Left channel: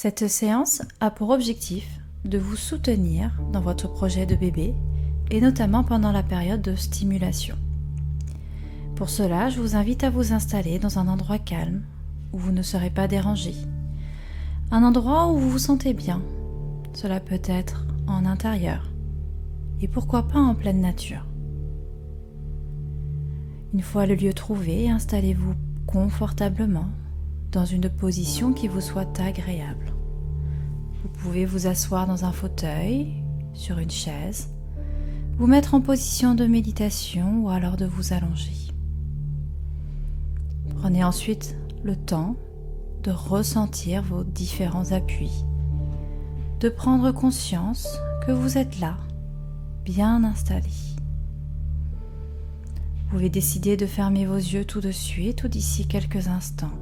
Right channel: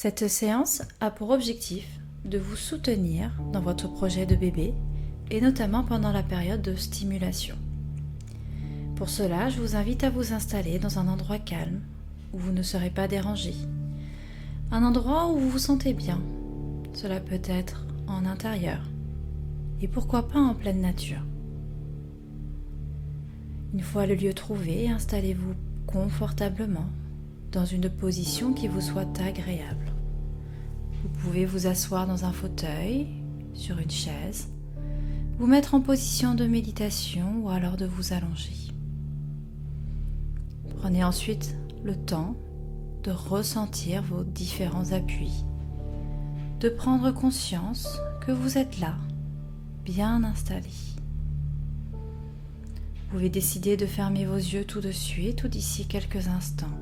Cette séance a pour objectif de vous soutenir dans votre projet de bébé et notamment pendant la période de stimulation. Pour cela, je vous invite à vous installer dans un endroit calme où vous ne serez pas dérangé. Un endroit où vous vous sentez bien. Cela peut être en intérieur et pourquoi pas en pleine nature. Une fois le lieu trouvé, installez-vous confortablement dans une position qui vous soit agréable. Vous pouvez vous asseoir dans un fauteuil, sur une chaise, vous mettre en position de méditation ou alors de vous allonger. Prenez ensuite le temps de ressentir vos différents appuis, de prendre conscience que vous êtes là, bien installé. Vous pouvez décider de fermer vos yeux tout de suite ou d'ici quelques instants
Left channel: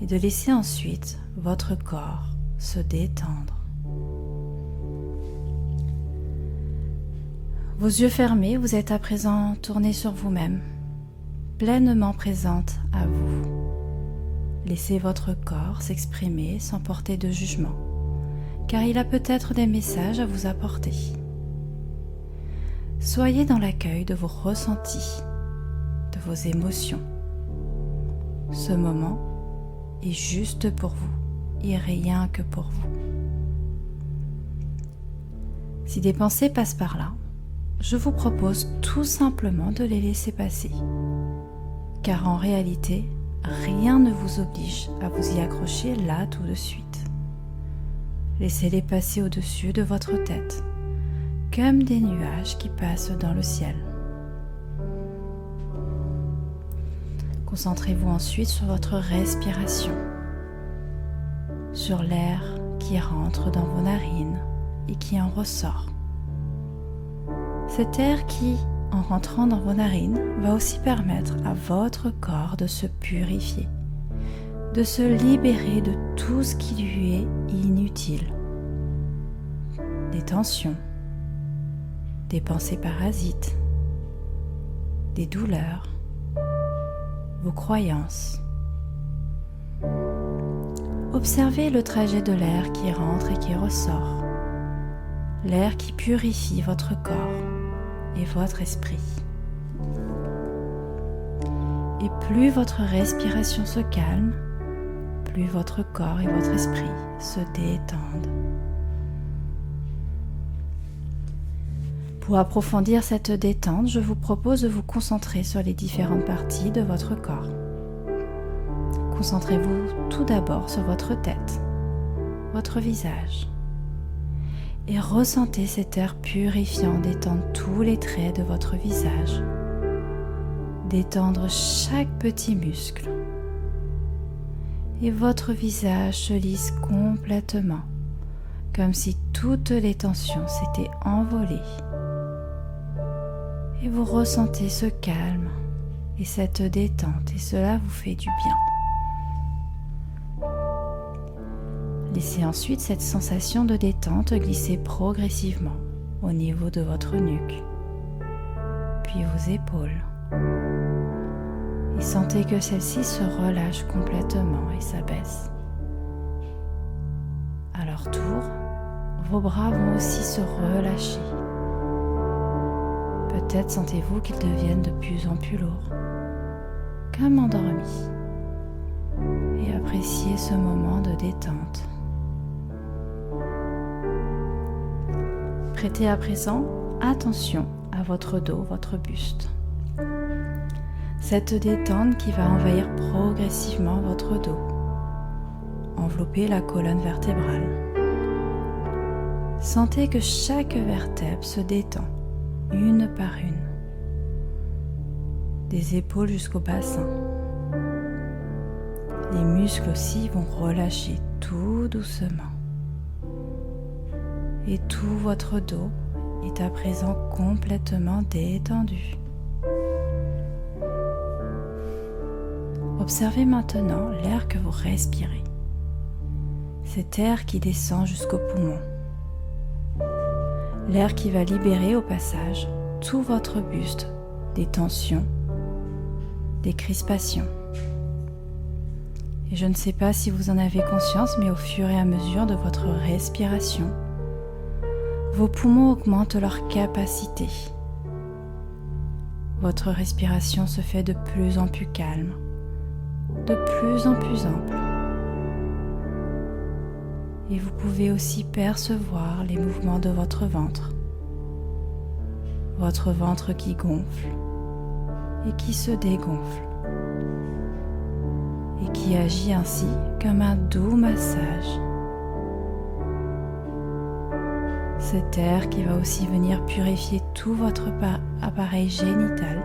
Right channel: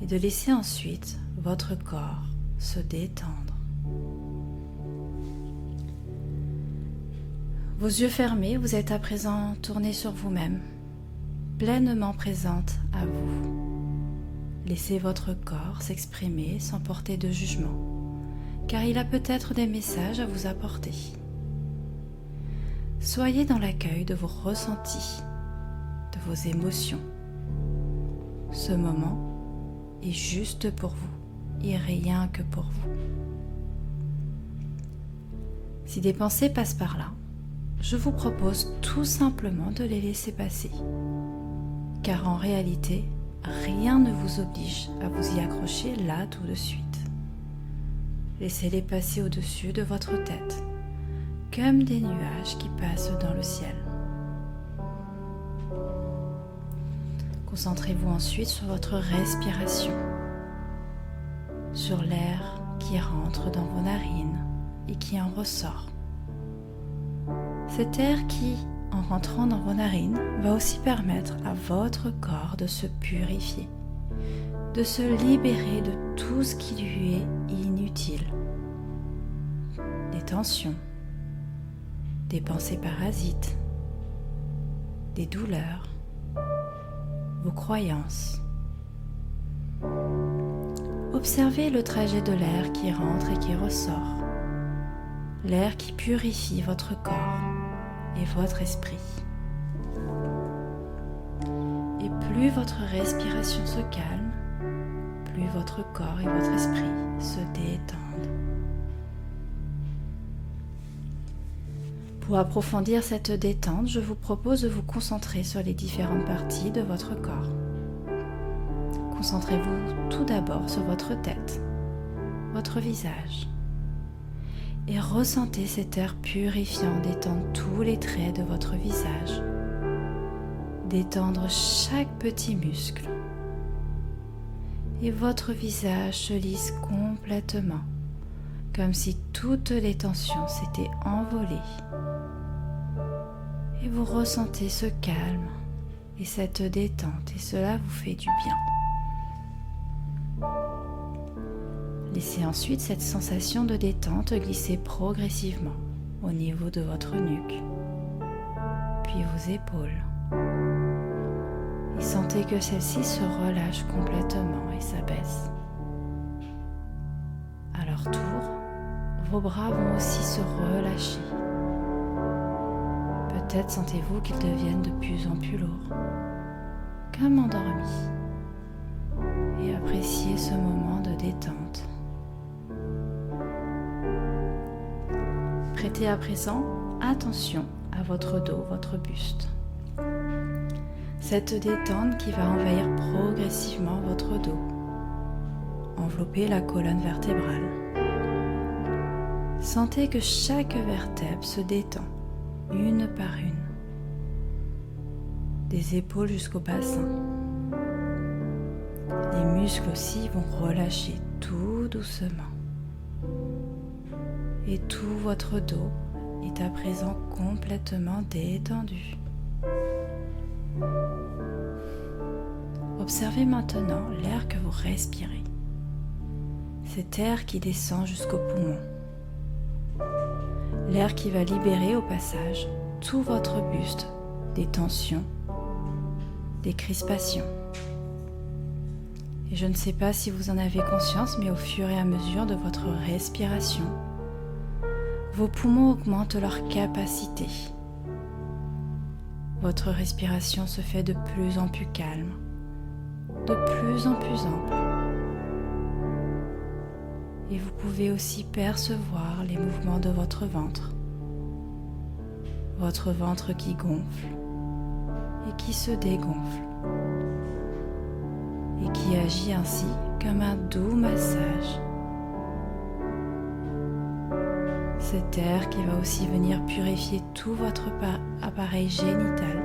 et de laisser ensuite votre corps se détendre. Vos yeux fermés, vous êtes à présent tournés sur vous-même, pleinement présente à vous. Laissez votre corps s'exprimer sans porter de jugement, car il a peut-être des messages à vous apporter. Soyez dans l'accueil de vos ressentis, de vos émotions. Ce moment est juste pour vous et rien que pour vous. Si des pensées passent par là, je vous propose tout simplement de les laisser passer, car en réalité, rien ne vous oblige à vous y accrocher là tout de suite. Laissez-les passer au-dessus de votre tête, comme des nuages qui passent dans le ciel. Concentrez-vous ensuite sur votre respiration, sur l'air qui rentre dans vos narines et qui en ressort. Cet air qui, en rentrant dans vos narines, va aussi permettre à votre corps de se purifier, de se libérer de tout ce qui lui est inutile. Des tensions, des pensées parasites, des douleurs, vos croyances. Observez le trajet de l'air qui rentre et qui ressort, l'air qui purifie votre corps et votre esprit. Et plus votre respiration se calme, plus votre corps et votre esprit se détendent. Pour approfondir cette détente, je vous propose de vous concentrer sur les différentes parties de votre corps. Concentrez-vous tout d'abord sur votre tête, votre visage, et ressentez cet air purifiant détendre tous les traits de votre visage, détendre chaque petit muscle, et votre visage se lisse complètement, comme si toutes les tensions s'étaient envolées. Et vous ressentez ce calme et cette détente, et cela vous fait du bien. Laissez ensuite cette sensation de détente glisser progressivement au niveau de votre nuque, puis vos épaules. Et sentez que celle-ci se relâche complètement et s'abaisse. À leur tour, vos bras vont aussi se relâcher. Peut-être sentez-vous qu'ils deviennent de plus en plus lourds, comme endormis. Et appréciez ce moment de détente. Prêtez à présent attention à votre dos, votre buste. Cette détente qui va envahir progressivement votre dos, envelopper la colonne vertébrale. Sentez que chaque vertèbre se détend, une par une, des épaules jusqu'au bassin. Les muscles aussi vont relâcher tout doucement. Et tout votre dos est à présent complètement détendu. Observez maintenant l'air que vous respirez. Cet air qui descend jusqu'aux poumons. L'air qui va libérer au passage tout votre buste des tensions, des crispations. Et je ne sais pas si vous en avez conscience, mais au fur et à mesure de votre respiration, vos poumons augmentent leur capacité. Votre respiration se fait de plus en plus calme, de plus en plus ample. Et vous pouvez aussi percevoir les mouvements de votre ventre qui gonfle et qui se dégonfle, et qui agit ainsi comme un doux massage. Cet air qui va aussi venir purifier tout votre appareil génital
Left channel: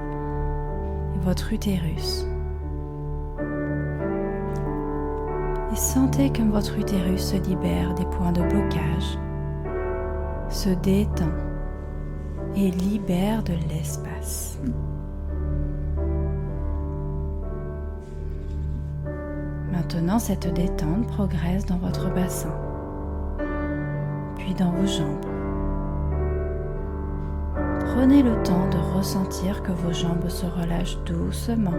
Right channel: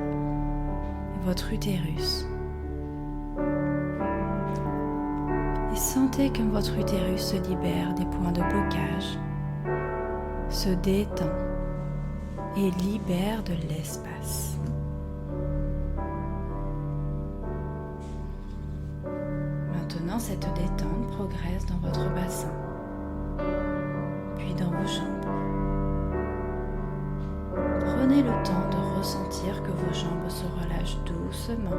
et votre utérus. Et sentez comme votre utérus se libère des points de blocage, se détend et libère de l'espace. Maintenant, cette détente progresse dans votre bassin, puis dans vos jambes. Prenez le temps de ressentir que vos jambes se relâchent doucement.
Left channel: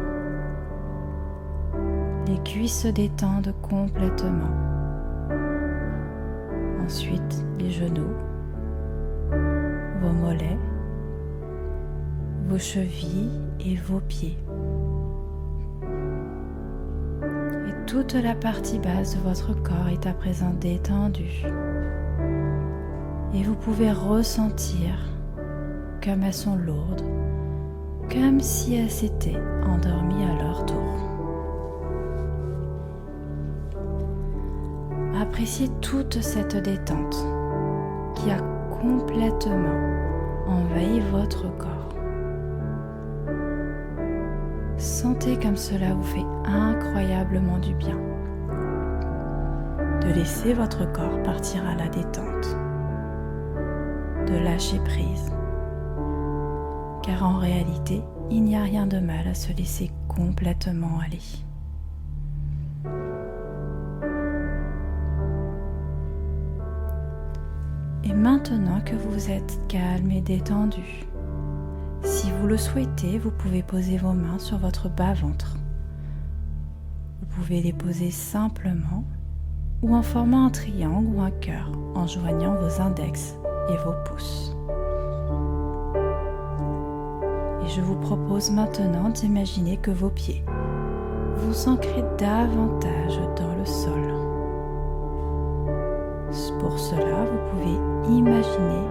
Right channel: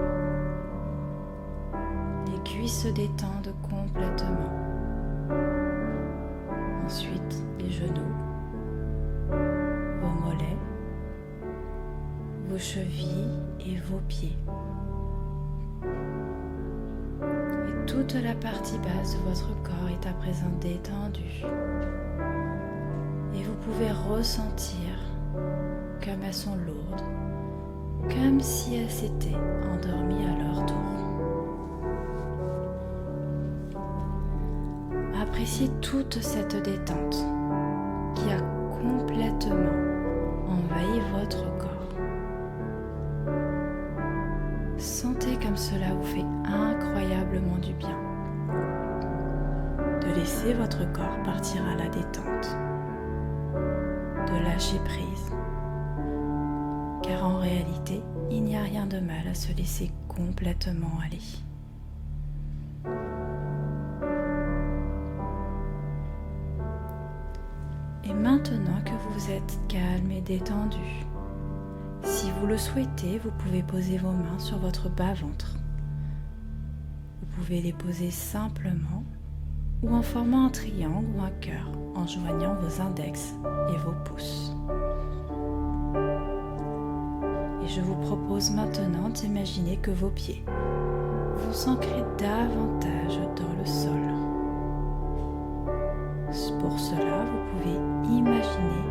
Les cuisses se détendent complètement. Ensuite, les genoux, vos mollets, vos chevilles et vos pieds. Et toute la partie basse de votre corps est à présent détendue. Et vous pouvez ressentir comme elles sont lourdes, comme si elles s'étaient endormies à leur tour. Appréciez toute cette détente qui a complètement envahi votre corps. Sentez comme cela vous fait incroyablement du bien de laisser votre corps partir à la détente, de lâcher prise. Car en réalité, il n'y a rien de mal à se laisser complètement aller. Et maintenant que vous êtes calme et détendu, si vous le souhaitez, vous pouvez poser vos mains sur votre bas-ventre. Vous pouvez les poser simplement ou en formant un triangle ou un cœur en joignant vos index et vos pouces. Et je vous propose maintenant d'imaginer que vos pieds vous ancrez davantage dans le sol. Pour cela, vous pouvez imaginer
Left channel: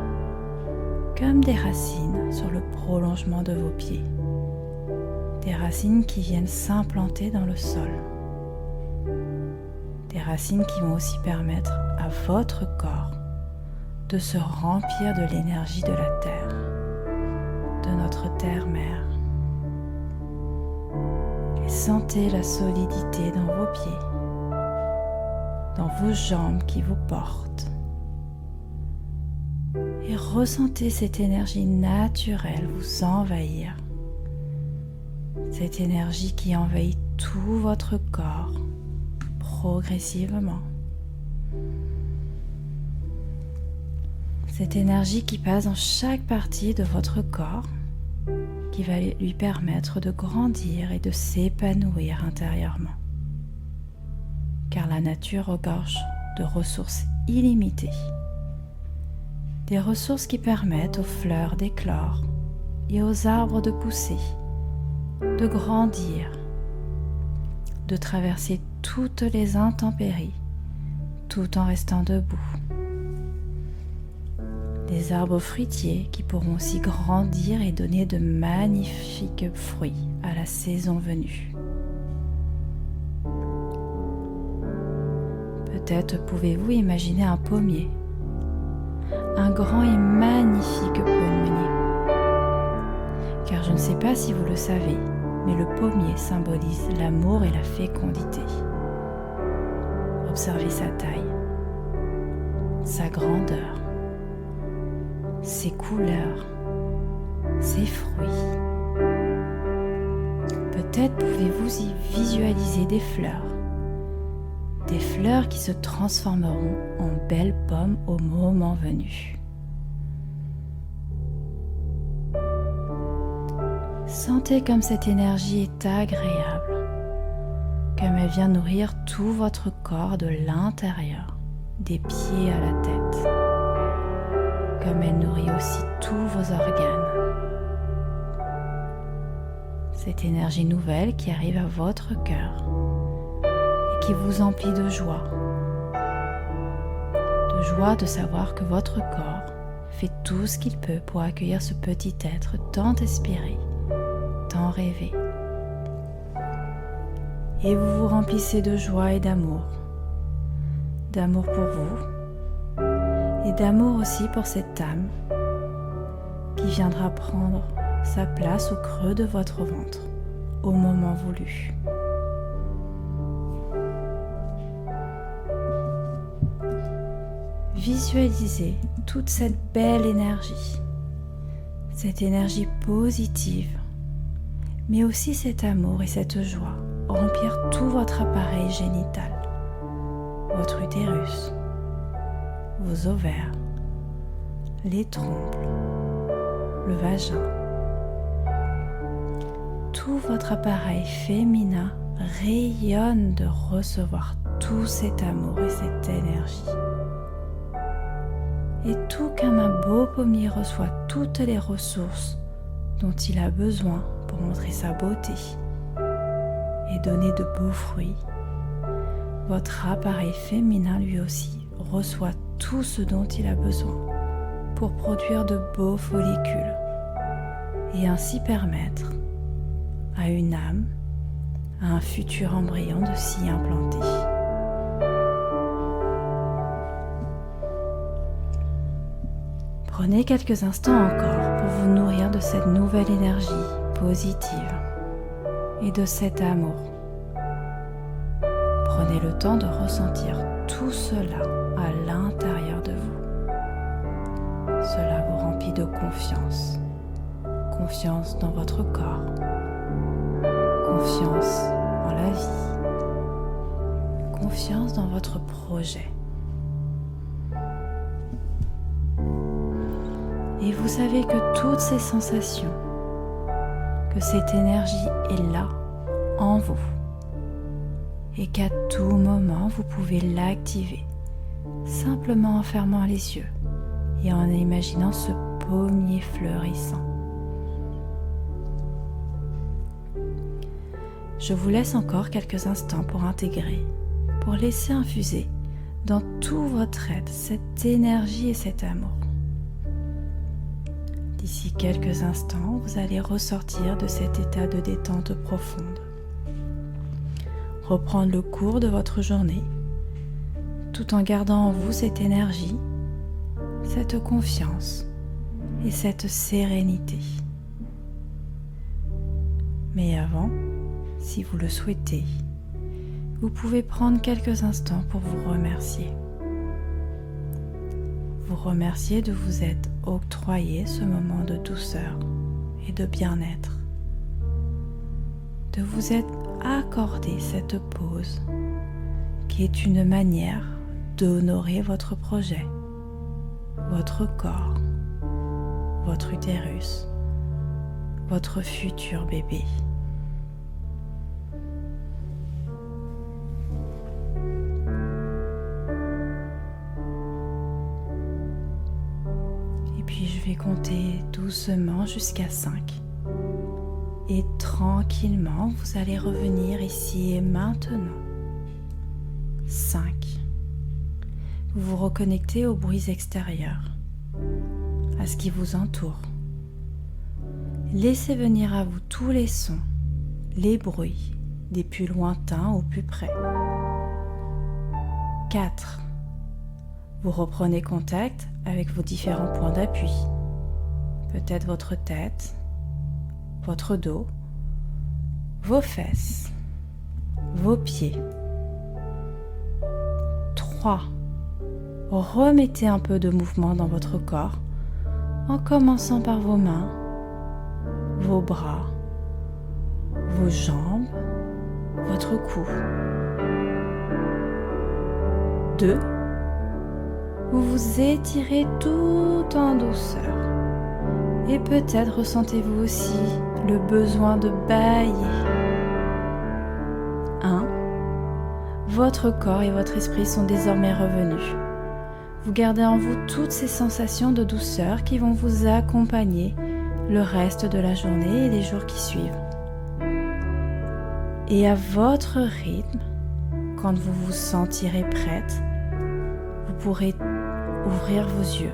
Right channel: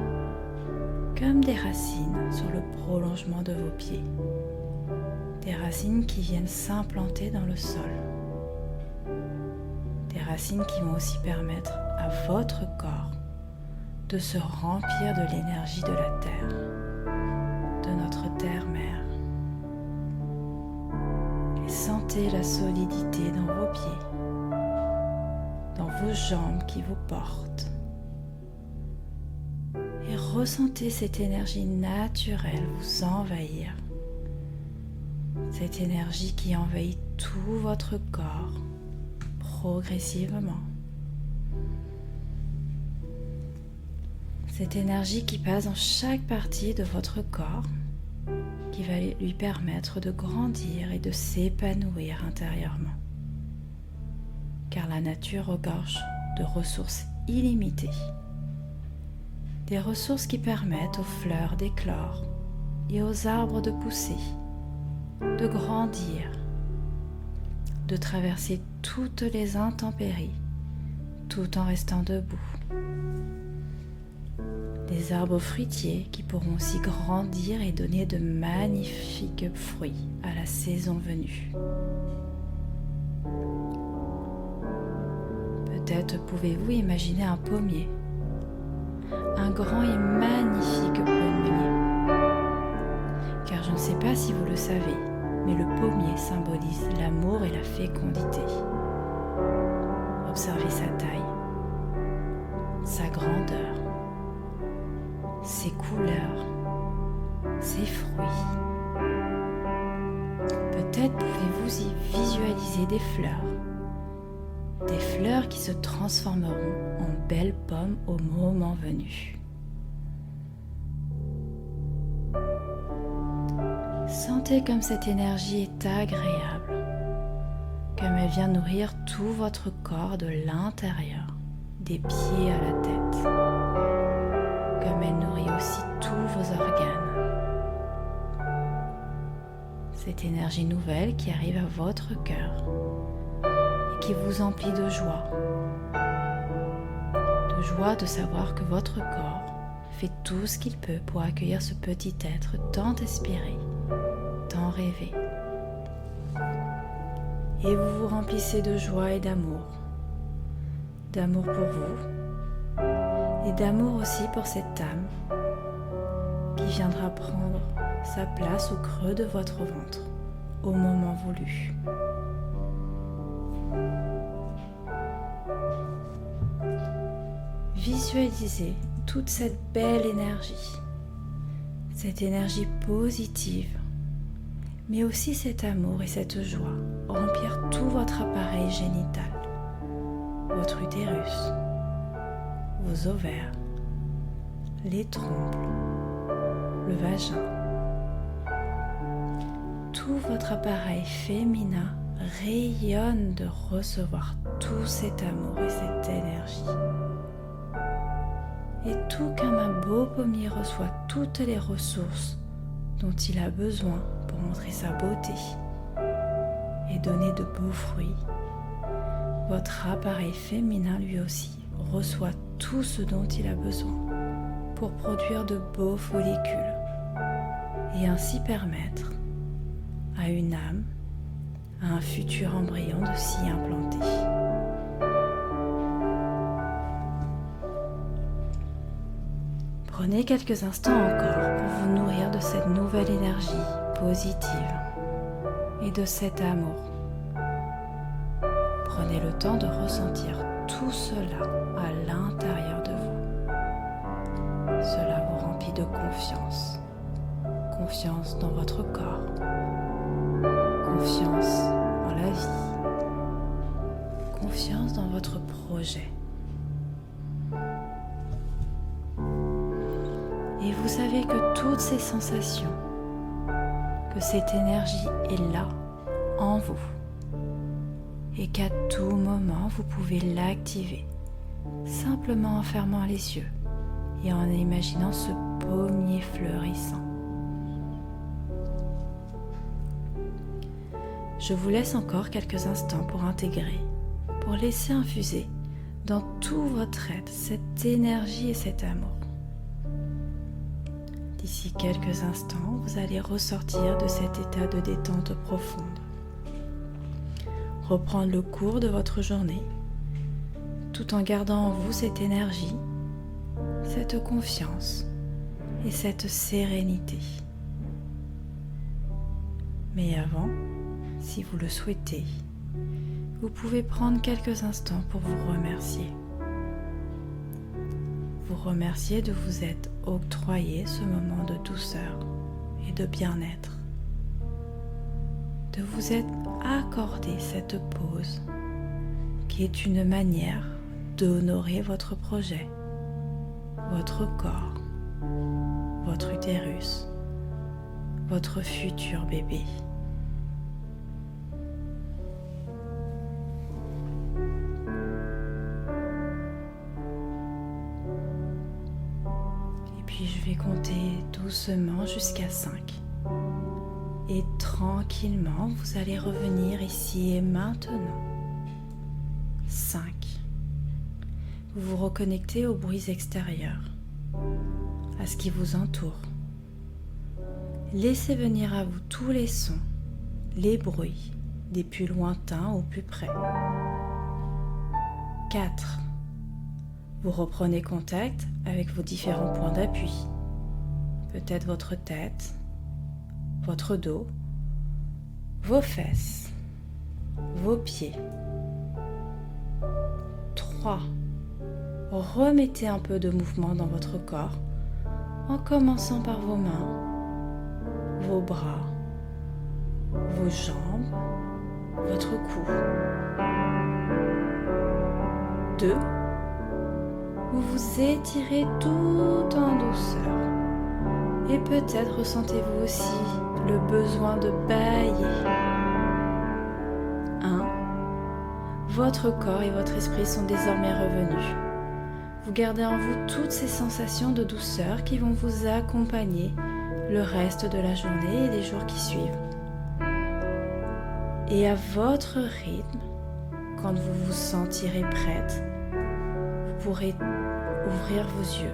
comme des racines sur le prolongement de vos pieds. Des racines qui viennent s'implanter dans le sol. Des racines qui vont aussi permettre à votre corps de se remplir de l'énergie de la terre, de notre terre-mère. Et sentez la solidité dans vos pieds, dans vos jambes qui vous portent. Et ressentez cette énergie naturelle vous envahir. Cette énergie qui envahit tout votre corps progressivement. Cette énergie qui passe dans chaque partie de votre corps, qui va lui permettre de grandir et de s'épanouir intérieurement. Car la nature regorge de ressources illimitées. Des ressources qui permettent aux fleurs d'éclore et aux arbres de pousser, de grandir, de traverser toutes les intempéries tout en restant debout. Des arbres fruitiers qui pourront aussi grandir et donner de magnifiques fruits à la saison venue. Peut-être pouvez-vous imaginer un pommier, un grand et magnifique pommier. Car je ne sais pas si vous le savez, mais le pommier symbolise l'amour et la fécondité. Observez sa taille, sa grandeur, ses couleurs, ses fruits. Peut-être pouvez-vous y visualiser des fleurs qui se transformeront en belles pommes au moment venu. Sentez comme cette énergie est agréable, comme elle vient nourrir tout votre corps de l'intérieur, des pieds à la tête, comme elle nourrit aussi tous vos organes. Cette énergie nouvelle qui arrive à votre cœur et qui vous emplit de joie de savoir que votre corps fait tout ce qu'il peut pour accueillir ce petit être tant espéré, tant rêvé. Et vous vous remplissez de joie et d'amour pour vous et d'amour aussi pour cette âme qui viendra prendre sa place au creux de votre ventre au moment voulu. Visualisez toute cette belle énergie, cette énergie positive, mais aussi cet amour et cette joie remplir tout votre appareil génital, votre utérus, vos ovaires, les trompes, le vagin. Tout votre appareil féminin rayonne de recevoir tout cet amour et cette énergie. Et tout comme un beau pommier reçoit toutes les ressources dont il a besoin pour montrer sa beauté et donner de beaux fruits, votre appareil féminin lui aussi reçoit tout ce dont il a besoin pour produire de beaux follicules et ainsi permettre à une âme, à un futur embryon de s'y implanter. Prenez quelques instants encore pour vous nourrir de cette nouvelle énergie positive et de cet amour. Prenez le temps de ressentir tout cela à l'intérieur de vous. Cela vous remplit de confiance. Confiance dans votre corps. Confiance en la vie. Confiance dans votre projet. Et vous savez que toutes ces sensations, que cette énergie est là, en vous, et qu'à tout moment vous pouvez l'activer, simplement en fermant les yeux et en imaginant ce pommier fleurissant. Je vous laisse encore quelques instants pour intégrer, pour laisser infuser dans tout votre être cette énergie et cet amour. D'ici quelques instants, vous allez ressortir de cet état de détente profonde. Reprendre le cours de votre journée, tout en gardant en vous cette énergie, cette confiance et cette sérénité. Mais avant, si vous le souhaitez, vous pouvez prendre quelques instants pour vous remercier. Vous remercier de vous être octroyé ce moment de douceur et de bien-être, de vous être accordé cette pause qui est une manière d'honorer votre projet, votre corps, votre utérus, votre futur bébé. Puis je vais compter doucement jusqu'à 5. Et tranquillement, vous allez revenir ici et maintenant. 5. Vous vous reconnectez aux bruits extérieurs, à ce qui vous entoure. Laissez venir à vous tous les sons, les bruits, des plus lointains au plus près. 4. Vous reprenez contact avec vos différents points d'appui. Peut-être votre tête, votre dos, vos fesses, vos pieds. 3. Remettez un peu de mouvement dans votre corps en commençant par vos mains, vos bras, vos jambes, votre cou. 2. Vous vous étirez tout en douceur et peut-être ressentez-vous aussi le besoin de bâiller. 1. votre corps et votre esprit sont désormais revenus. Vous gardez en vous toutes ces sensations de douceur qui vont vous accompagner le reste de la journée et les jours qui suivent. Et à votre rythme, quand vous vous sentirez prête, vous pourrez ouvrir vos yeux.